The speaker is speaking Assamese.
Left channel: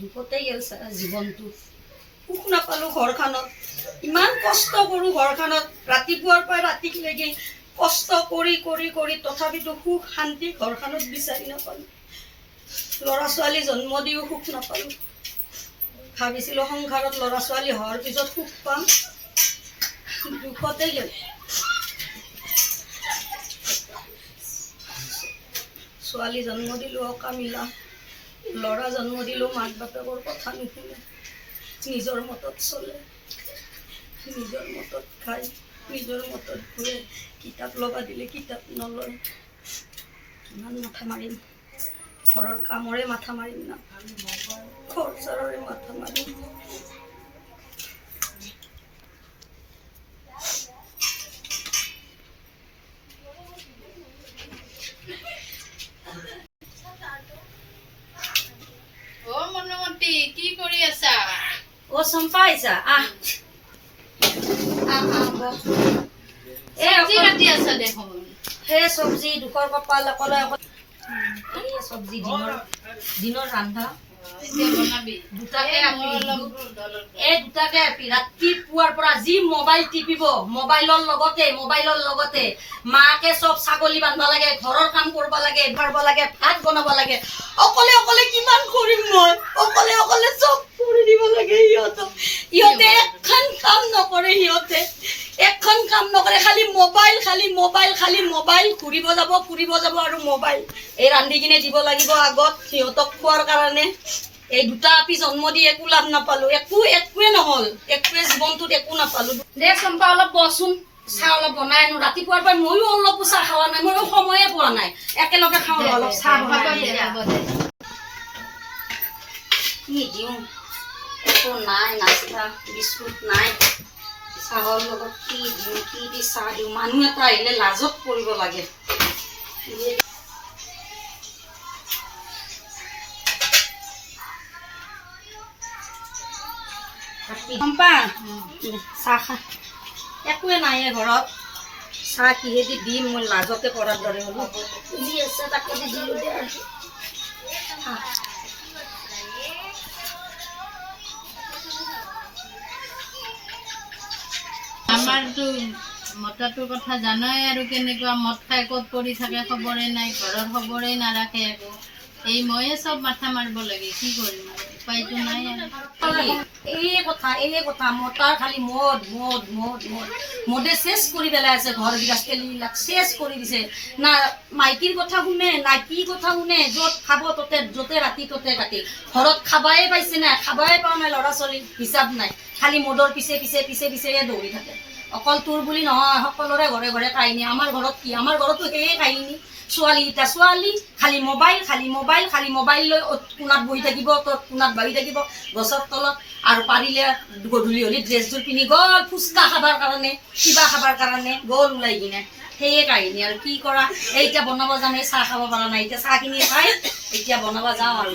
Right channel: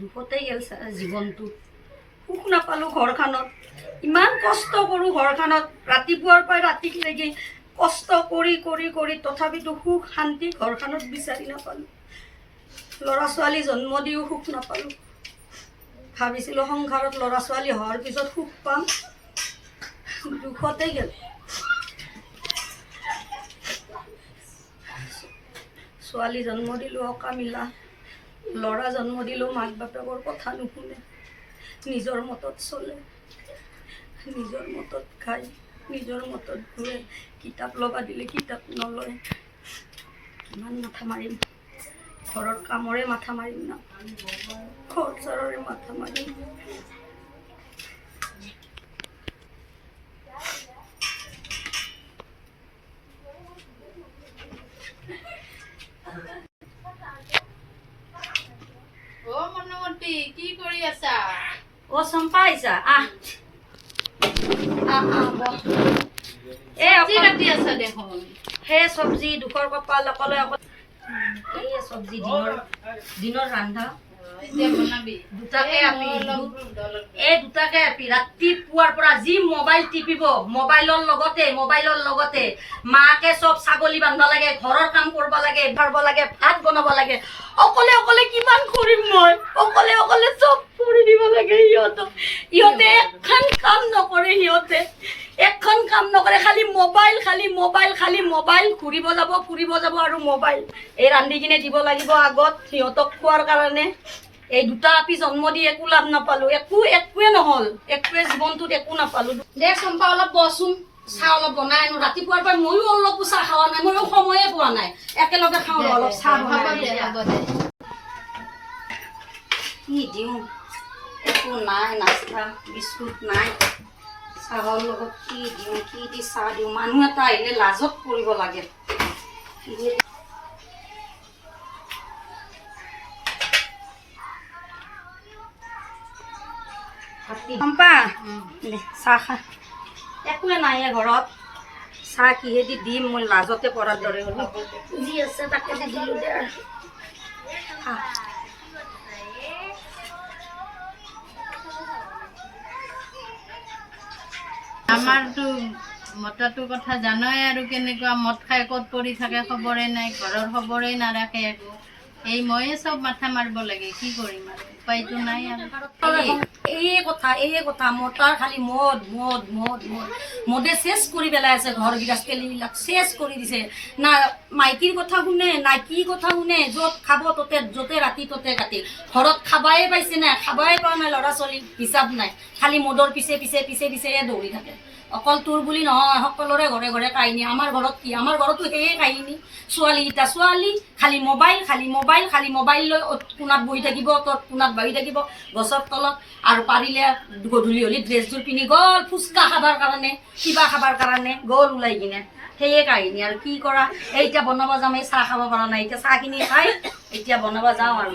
দুখতেই গেল জীৱনটো। সুখ নাপালোঁ ঘৰখনত, ইমান কষ্ট কৰোঁ ঘৰখনত, ৰাতিপুৱাৰ পৰা ৰাতিলৈকে কষ্ট কৰি কৰি কৰি তথাপিতো সুখ শান্তি ঘৰখনত বিচাৰি নাপালোঁ। ল'ৰা ছোৱালী জন্ম দিও সুখ নাপালোঁ। ভাবিছিলোঁ সংসাৰত ল'ৰা ছোৱালী হোৱাৰ পিছত সুখ পাম, দুখতেই গেল। ছোৱালী জন্ম দিলোঁ অকামিলা, ল'ৰা জন্ম দিলোঁ মাক বাপেকৰ কথা নুশুনে, নিজৰ মতত চলে, নিজৰ মতত খায়, নিজৰ মতত ঘূৰে, কিতাপ ল'বা দিলে কিতাপ নলয়। কিমান মাথা মাৰিম, ঘৰৰ কামৰে মাথা মাৰিম না, খৰচাৰৰে মাথা মাৰিম। অ মনুমতি, কি কৰি আছা? অ চম্পা আহিছা, আহ বহ। চব্জি কাটি আছা দেখোন। সেই চব্জি দুখৰ কপাল অকলে অকলে, এই চব্জি দিনৰ ৰান্ধা। এতিয়া বনাবি। দুটাকে আপি, এই দুটাকে আপি ৰাতিপুৱাৰ পৰা যি মোবাইল টিপিব, মোবাইলৰ লগতে মাকে চব ছাগলী বান্ধবা লাগে, ঘৰৰ কাম কৰিব লাগে, ভাৰব লাগে, ভাত বনাব লাগে। অকলে অকলে কিমান কৰিম মই, অকলে অকলে চব কৰি দিব লাগে সিহঁতক। সিহঁতে এখন কাম নকৰে, এখন কাম নকৰে, খালি মোবাইল ঘূৰিব যাব আৰু মোবাইল। এই ৰান্ধি কিনে দিব লাগিব আগত সিহঁতক খোৱাৰ কাৰণে। এই দুটা আপি জন্ম দি একো লাভ নাপালো, একোৱে নহল, একোৱে জীৱনটোত একো নাপালো। দে চম্পা অলপ বচোন, চাহ অলপ বনাই আনো। ৰাতিপুৱাৰ পৰা ময়ো অলপো চাহ খোৱা নাই, ময়ো সময়ে পোৱা নাই। একেলগে খাওঁ অলপ চাহ বনাই। কি দিওঁ, একো নাই, নাস্তা বিস্কুট নাই, চাহৰ লগত কি দিওঁ, কি দি চাহ দিওঁ। মানুহ এটা আহিলে লাজত কৰিব লাগে। চম্পা চাহ খা, একোৱে নাই ঘৰত, চাহ কিহেদি দিম মই লাজতে পৰাৰ দৰে হ'লো। যি আছে তাকে দি দিলোঁ দে আৰু। আমাৰতো মতাটোৰ কথা জানাই আৰু, কেনেকুৱা মদ খাই ক'ত পৰি থাকে খবৰে নাই, ঘৰৰ খবৰেই নাৰাখে একো। এই ময়ে চব মাথা মাৰিব লাগে, কি কৰিম আৰু, উপায়তো নাই আৰু। এই কথা মতাৰ খালি মদে চেচ কৰি পেলাই আছে, ঘৰ গৃহস্থলীবিলাক চেচ কৰি দিছে। না মাইকীৰ কথা শুনে, না কি কথা শুনে, য'ত খাব ততে, য'তে ৰাতি ততে কাটি। ঘৰত খাবাই পাইছে নাই, খাবাই পোৱা নাই, ল'ৰা ছোৱালী হিচাপ নাই, খালি মদৰ পিছে দৌৰি থাকে। অকল তোৰ বুলি নহয়, সকলোৰে ঘৰে ঘৰে কাহিনী। আমাৰ ঘৰত কি, আমাৰ ঘৰতো সেয়ে কাহিনী। ছোৱালী খালি মোবাইল লৈ কোণাত বহি থাকিব, তোৰ কোণাত বহি থাকিব গছৰ তলত, আৰু পাৰিলে গধূলি হ'লে ড্ৰেছযোৰ পিন্ধি গ'ল ফুচকা খাবৰ কাৰণে, কিবা খাবৰ কাৰণে গ'ল ওলাই কিনে। সেয়ে কাহিনী আৰু কি কৰা। এতিয়া বনাব যাম, এই চাহ খাব পৰা নাই, এতিয়া চাহখিনি খাই এতিয়া বনাব যাওঁ আৰু।